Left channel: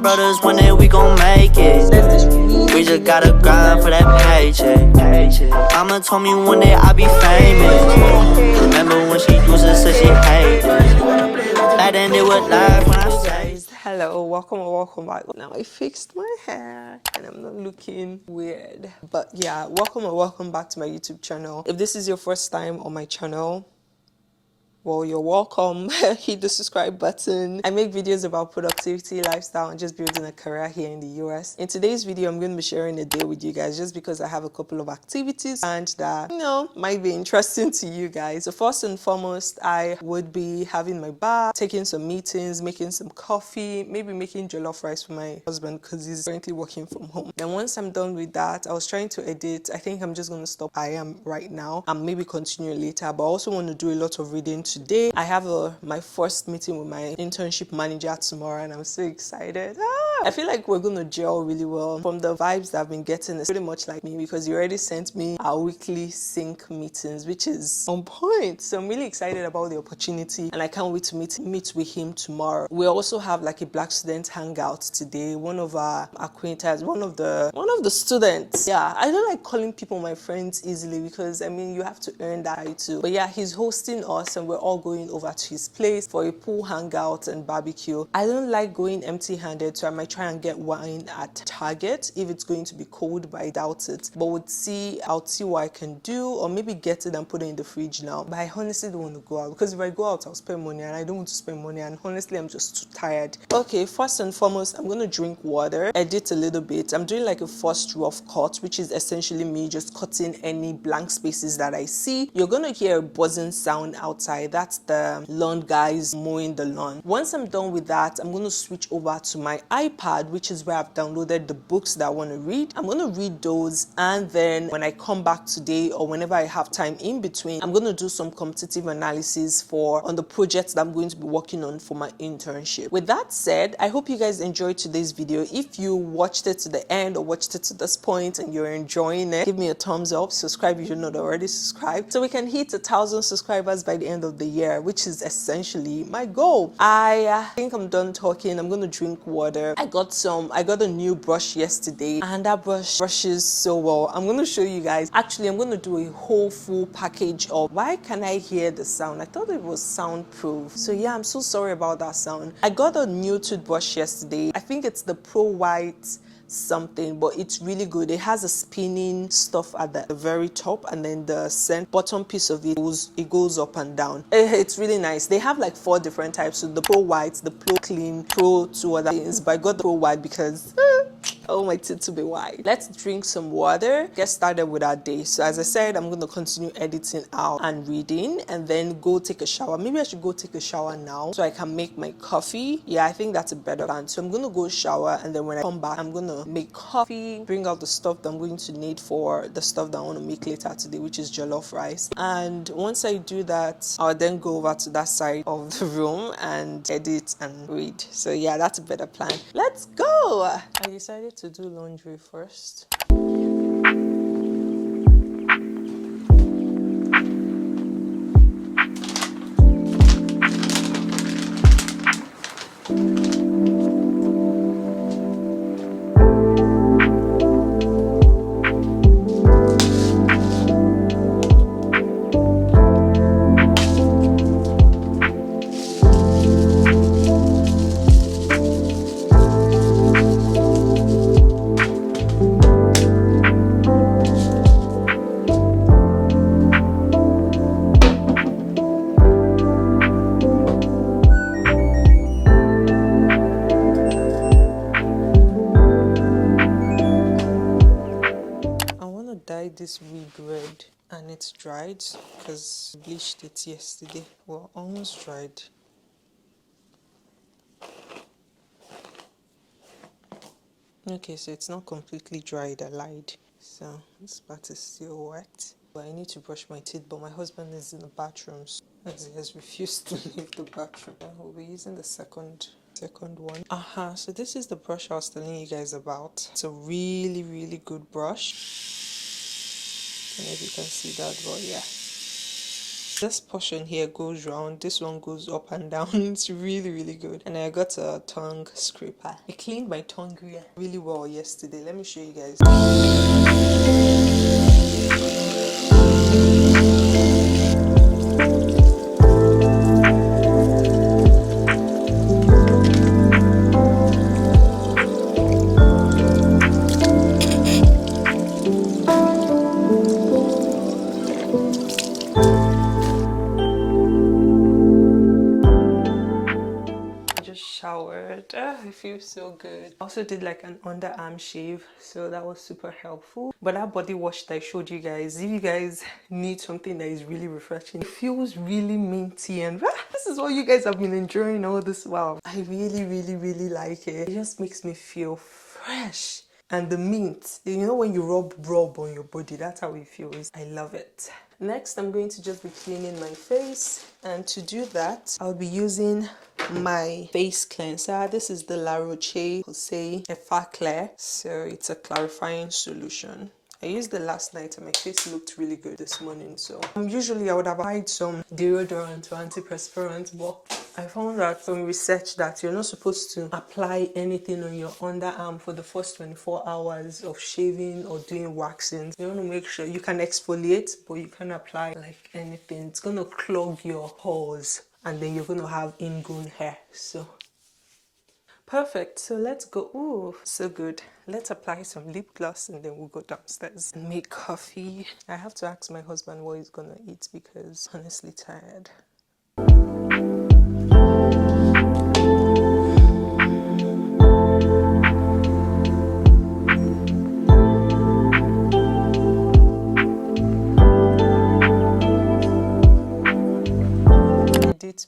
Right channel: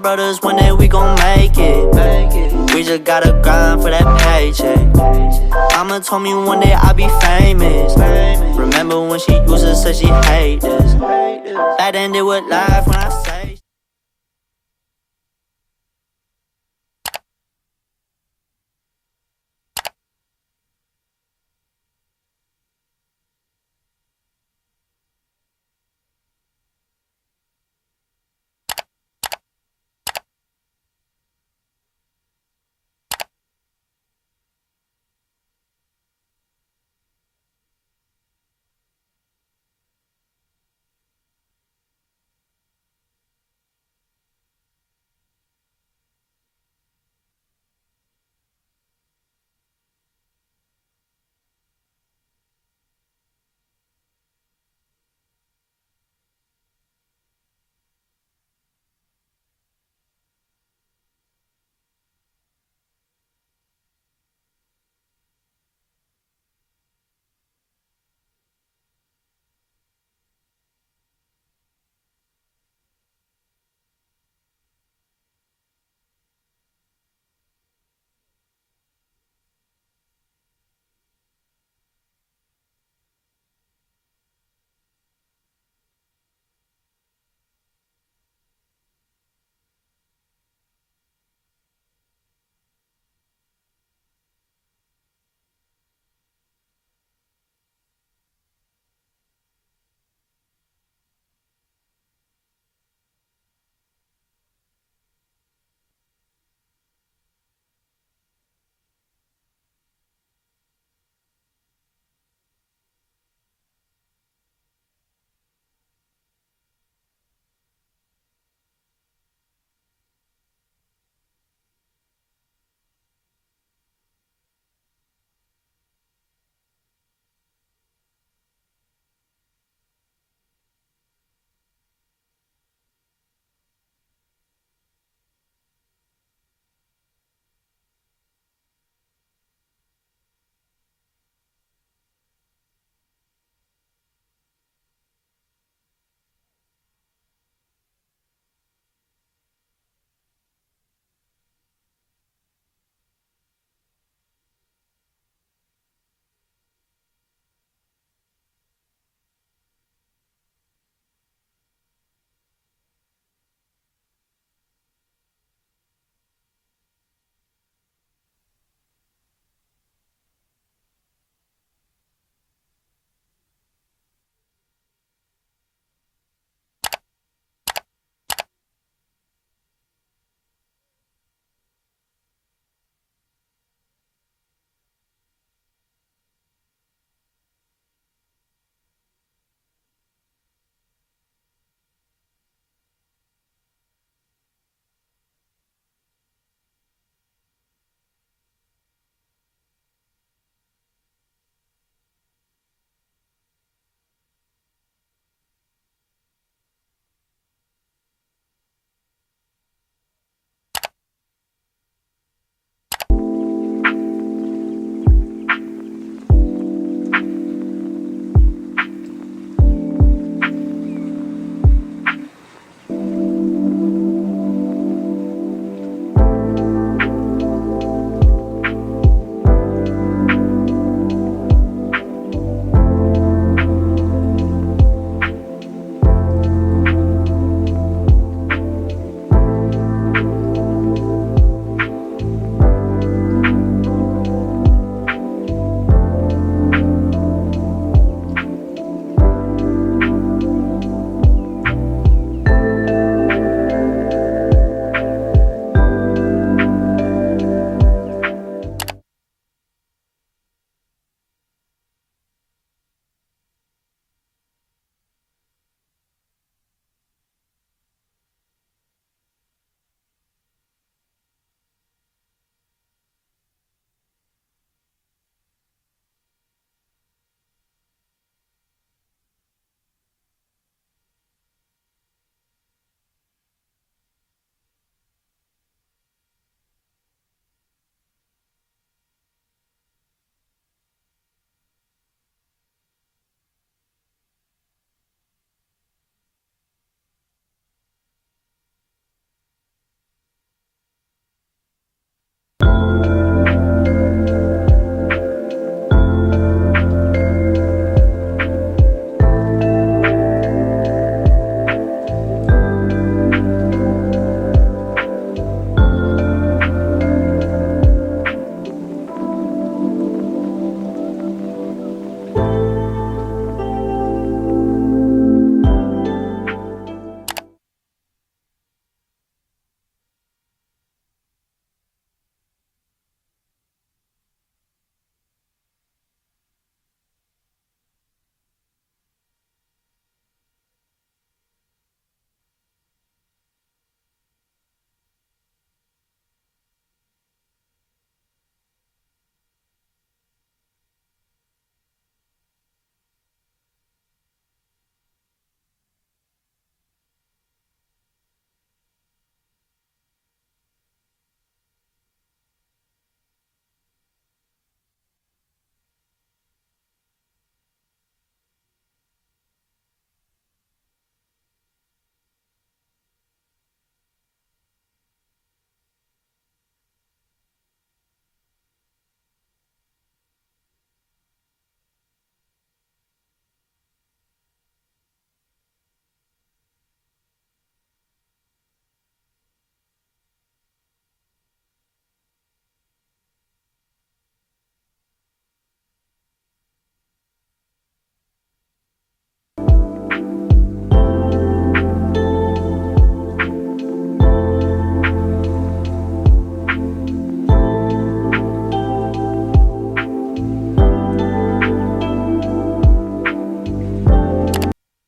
brothers, one day we gon' make it. We just gotta grind for that paycheck. Mama told me one day I'll be famous. Remember when she used to say she hate us. That ended with life when I say. Hello, welcome back. Now I fixed my hair and I'm not looking weird. But yeah, welcome back to my YouTube channel. If this is your first time on my channel, well, you're welcome. Hit the subscribe button. I make videos about productivity, lifestyle, and just building a career here in the US. In today's video, I'm going to be sharing a day with you guys just because I have a couple of activities and that, might be interesting to you guys. So first and foremost, I would be having my bath, taking some meetings, making some coffee, maybe making jollof rice for my husband because he's currently working from home. Then once I'm done with that, I was trying to edit. I think I'm just going to stop. I am right now and maybe continue later, but I also want to do a lot of reading today. I have my first meeting with my internship manager tomorrow and I'm so excited. I feel like we're gonna gel really well. From the vibes that I've been getting, it's pretty much like me because he already sent me our weekly sync meetings, which is on point. So I'm really excited about the opportunity and I can't wait to meet with him tomorrow. We also have like a Black student hangout today. One of our acquaintances, one of the students. Yeah, I don't like calling people my friends easily because I mean you have to earn that title. But yeah, he's hosting us and we're all going over to his place for a pool hangout and barbecue. I don't like going empty-handed, so I might try and get wine at Target if it's going to be cold, but I doubt it. But I'll see what I can do, or maybe get it and put it in the fridge now. But I honestly don't want to go out because if I go out, I'll spend money and I don't want to spend money, and honestly, I'm just too tired. Okay, first and foremost, I'm going to drink water, edit a little bit. I'm doing like a first rough cut, which is essentially me just cutting any blank spaces that I see. You're going to hear a buzzing sound outside. That's the lawn guys mowing the lawn. Once I'm done with that, I'm going to switch over to my iPad, which is where I've downloaded the books that I want to read. I'm going to read those, and then when I come back today or whenever I have time in between, I'm going to do some competitive analysis on the projects that I'm going to be working on for my internship. With that said, I hope you guys enjoyed today's video. If you watched it to the end or watched it to this point and you're enjoying it, give me a thumbs up, subscribe if you're not already subscribed, so we can hit 1,000 subscribers by the end of the year, which is essentially my goal. I think I'm done talking. I'm gonna drink water. I got a new brush yesterday and that brush brushes so well. I'm gonna show you guys. Actually, I'm gonna do a whole full package of why can I hear the sound. I thought it was soundproof, so yeah, I'm so sorry about that sound. I got a new toothbrush yesterday. I think it's the Pro White something, but it's really good. It has a spinning stuff at the very top, and then the bottom piece of it goes up and down. It's really nice. They have like 4 different types, so the Pro White, the Pro Clean, Pro 2 other things, but I got the Pro White because oh, my teeth to be white. Let's drink some water, get started with our day. So as I said, I'm going to continue editing out and reading and then go take a shower. Maybe I should go take a shower now so I can make my coffee. Yeah, I think that's a better plan. So I'm going to go shower, and then when I come back, I'm going to make coffee, bring out the stuff that I'm going to need for the stuff that I want to make later today, which is jollof rice. And once I do that, I'll then go over to that side of the room and edit and read. So yeah, that's a better plan. Let's go. I decided to do laundry first. This wig red and it's dried because I bleached it yesterday. Well, almost dried. Okay, so it's not completely dried, I lied. So this part is still wet. But I need to brush my teeth, but my husband is in the bathroom as he has refused to leave the bathroom. We'll be using the second one. So this is the brush I was telling you guys about. It's a really good brush. I don't know if you can see that, but yeah. This portion here goes round, this one goes up and down. It's really, really good. And I got a tongue scraper. I cleaned my tongue really well yesterday. Let me show you guys. Showered. It feels so good. I also did like an underarm shave, so that was super helpful. But that body wash that I showed you guys, if you guys need something that is really refreshing, it feels really minty, and this is what you guys have been enjoying all this while. I really, really, really like it. It just makes me feel fresh. And the mint, you know, when you rub on your body, that's how it feels. I love it. Next, I'm going to just be cleaning my face, and to do that, I'll be using my face cleanser. This is the La Roche-Posay Effaclar, so it's a clarifying solution. I used it last night and my face looked really good this morning. So usually I would have applied some deodorant or antiperspirant, but I found out from research that you're not supposed to apply anything on your underarm for the first 24 hours of shaving or doing waxing. You want to make sure you can exfoliate, but you can't apply like anything. It's going to clog your pores and then you're going to have ingrown hair. So perfect. So let's go. Ooh, so good. Let's apply some lip gloss and then we'll go downstairs and make coffee. I have to ask my husband what he's gonna eat because I'm honestly tired.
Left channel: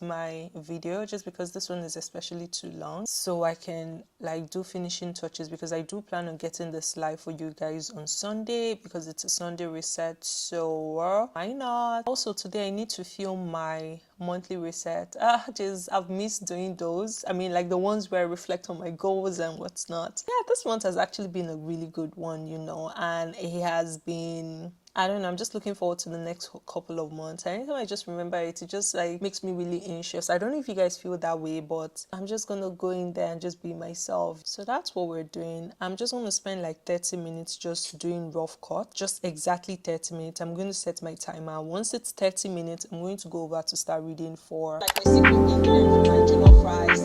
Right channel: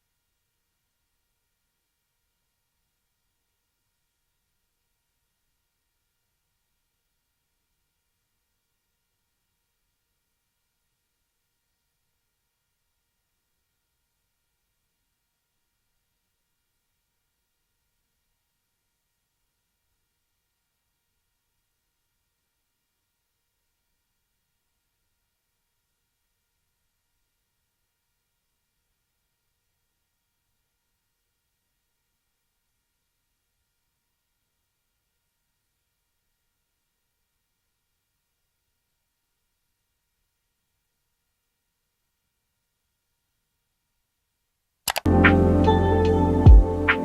My video just because this one is especially too long, so I can like do finishing touches, because I do plan on getting this live for you guys on Sunday because it's a Sunday reset, so why not? Also today I need to film my monthly reset. I've missed doing those. I mean, like the ones where I reflect on my goals and what's not. Yeah, this month has actually been a really good one, you know, and it has been, I don't know, I'm just looking forward to the next couple of months. Anytime I just remember it, it just like makes me really anxious. I don't know if you guys feel that way, but I'm just gonna go in there and just be myself. So that's what we're doing. I'm just gonna spend like 30 minutes just doing rough cut, just exactly 30 minutes. I'm going to set my timer. Once it's 30 minutes, I'm going to go over to start reading for like my secret ingredient, jollof rice,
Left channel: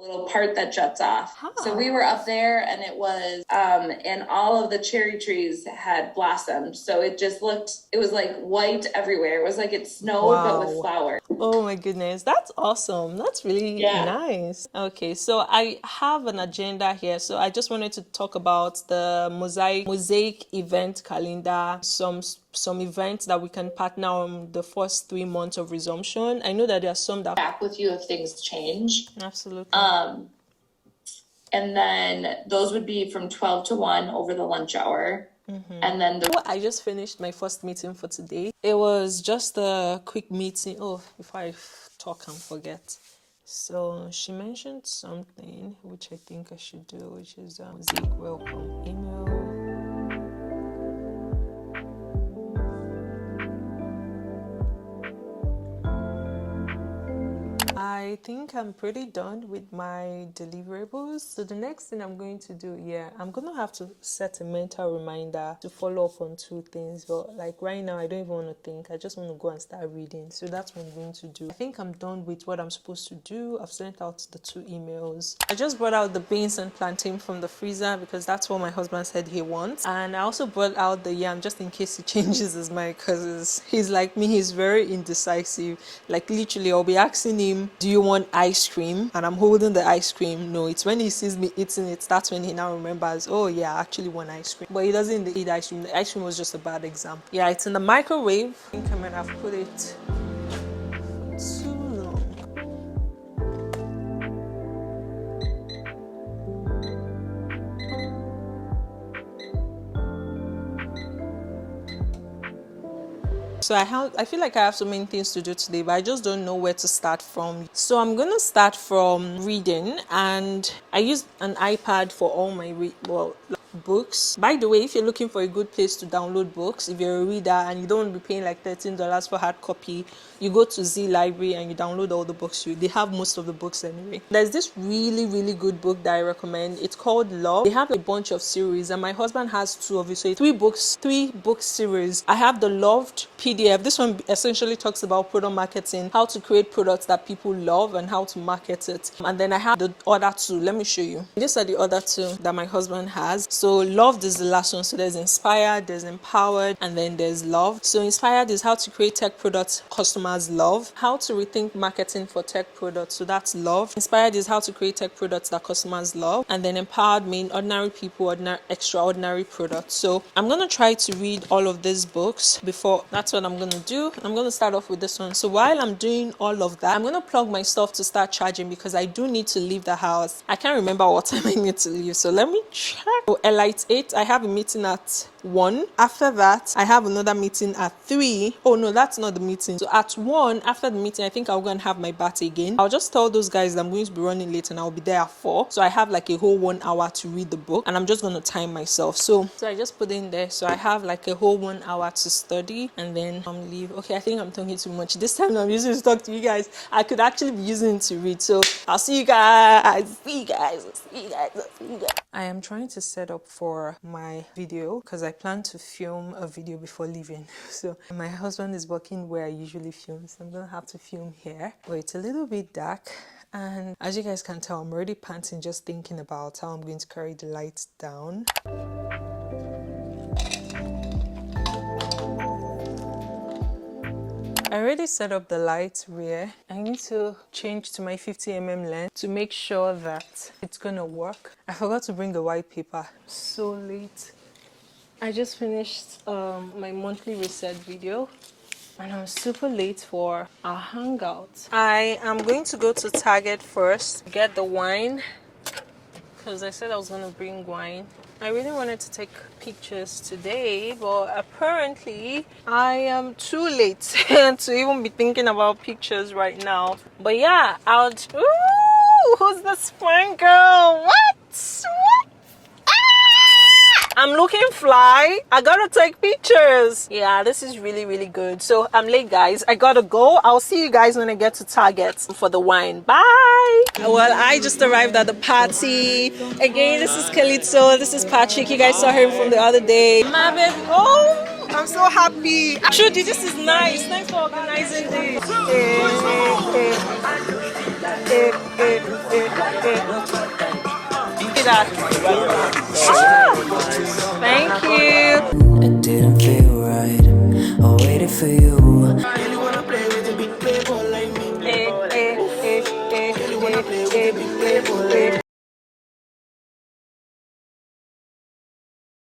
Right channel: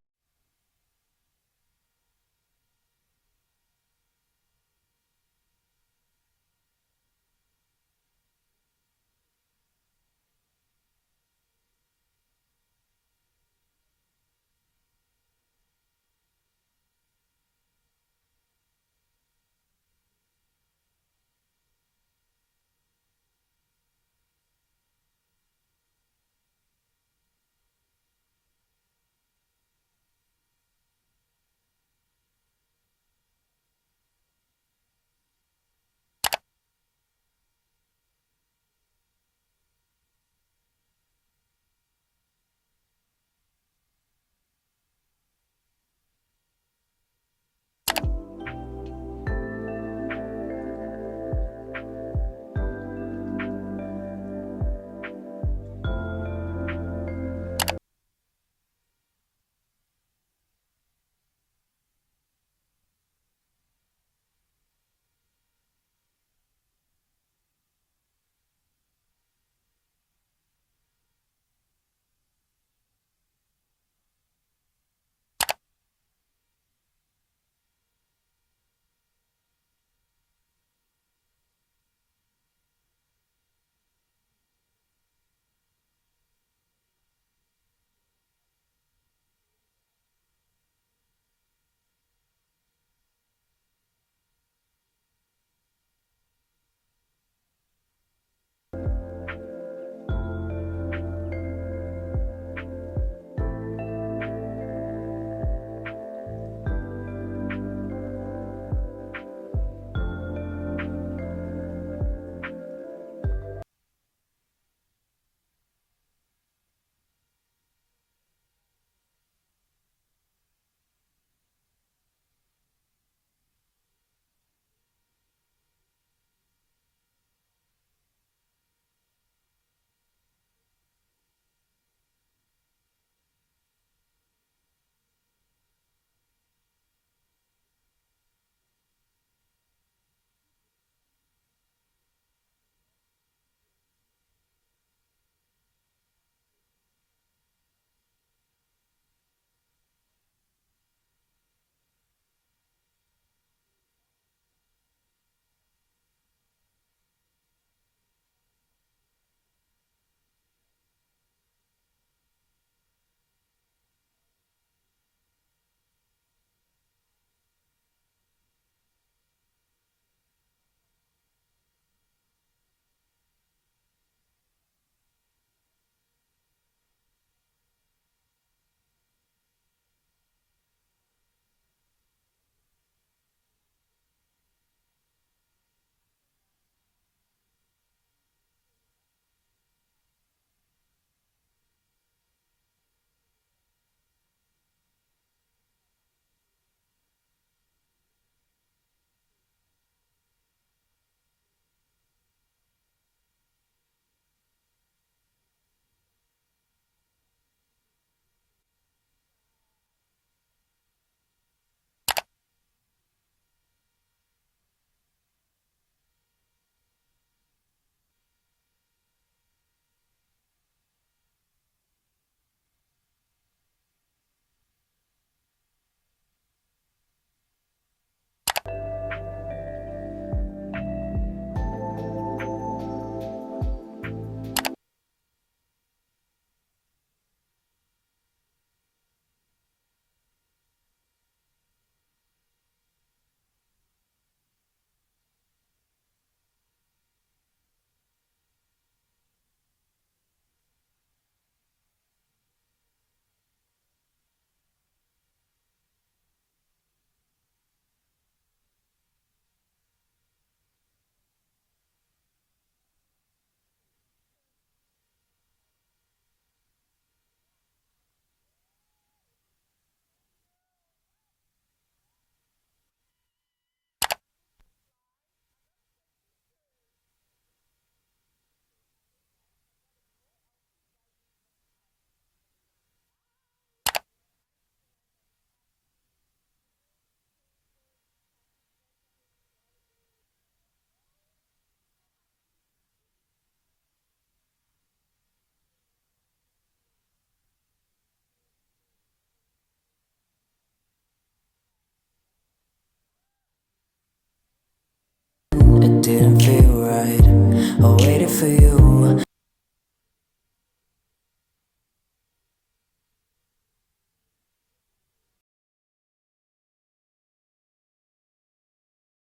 little part that juts off. So we were up there and it was and all of the cherry trees had blossomed, so it just looked, it was like white everywhere. It was like it snowed but with flowers. Oh my goodness, that's awesome. That's really nice. Okay, so I have an agenda here. So I just wanted to talk about the mosaic event calendar, some events that we can partner on the first 3 months of resumption. I know that there are some that back with you if things change. Absolutely. And then those would be from 12 to 1 over the lunch hour. And then I just finished my first meeting for today. It was just a quick meeting. Oh, if I talk and forget. So she mentioned something which I think I should do, which is welcome email. I think I'm pretty done with my deliverables. So the next thing I'm going to do, I'm going to have to set a mental reminder to follow up on 2 things. But like right now, I don't even want to think. I just want to go and start reading. So that's what I'm going to do. I think I'm done with what I'm supposed to do. I've sent out the 2 emails. I just brought out the beans and plantain from the freezer because that's what my husband said he wants. And I also brought out the yam just in case he changes his mind, because he's like me. He's very indecisive. Like literally, I'll be asking him, do you want ice cream? And I'm holding the ice cream. No, it's when he sees me eating it, that's when he now remembers, oh yeah, I actually want ice cream. But he doesn't eat ice cream. The ice cream was just a bad example. Yeah, it's in the microwave. I think I might have put it too long. So I feel like I have so many things to do today, but I just don't know where to start from. So I'm going to start from reading, and I use an iPad for all my books. By the way, if you're looking for a good place to download books, if you're a reader and you don't want to be paying like $13 for hard copy, you go to Z Library and you download all the books. They have most of the books anyway. There's this really good book that I recommend. It's called Love. They have a bunch of series and my husband has 2 of it, so 3 book series. I have the Loved PDF. This one essentially talks about product marketing, how to create products that people love and how to market it. And then I have the other 2. Let me show you. These are the other 2 that my husband has. So Loved is the last one. So there's Inspired, there's Empowered, and then there's Love. So Inspired is how to create tech products customers love, how to rethink marketing for tech products. So that's Love. Inspired is how to create tech products that customers love, and then Empowered mean ordinary people, extraordinary products. So I'm gonna try to read all of these books before. That's what I'm gonna do. I'm gonna start off with this one. So while I'm doing all of that, I'm gonna plug my stuff to start charging because I do need to leave the house. I can't remember what time I need to leave, so let me check. So Elite 8, I have a meeting at 1. After that, I have another meeting at 3. Oh no, that's not the meeting. So at 1, after the meeting, I think I'll go and have my bath again. I'll just tell those guys that I'm going to be running late and I'll be there at 4. So I have like a whole 1 hour to read the book and I'm just going to time myself. So I just put in there. So I have like a whole 1 hour to study and then leave. Okay, I think I'm talking too much. This time I'm using to talk to you guys. I could actually be using it to read. So I'll see you guys. I am trying to set up for my video because I plan to film a video before leaving. So my husband is working where I usually film, so I'm gonna have to film here. But it's a little bit dark, and as you guys can tell, I'm already panting just thinking about how I'm going to carry the lights down. I already set up the light rear. I need to change to my 50mm lens to make sure that it's gonna work. I forgot to bring the white paper. So late. I just finished my monthly reset video and I'm super late for our hangout. I am going to go to Target first, get the wine, because I said I was gonna bring wine. I really wanted to take pictures today, but apparently I am too late to even be thinking about pictures right now. But yeah, ooh, who's this fine girl? What? I'm looking fly. I gotta take pictures. Yeah, this is really good. So I'm late, guys. I gotta go. I'll see you guys when I get to Target for the wine. Bye. Well, I just arrived at the party. Again, this is Kalito. This is Patrick. You guys saw him from the other day. My baby. Oh, I'm so happy. Trudy, this is nice. Thanks for organizing this. Thank you. It didn't feel right. I waited for you.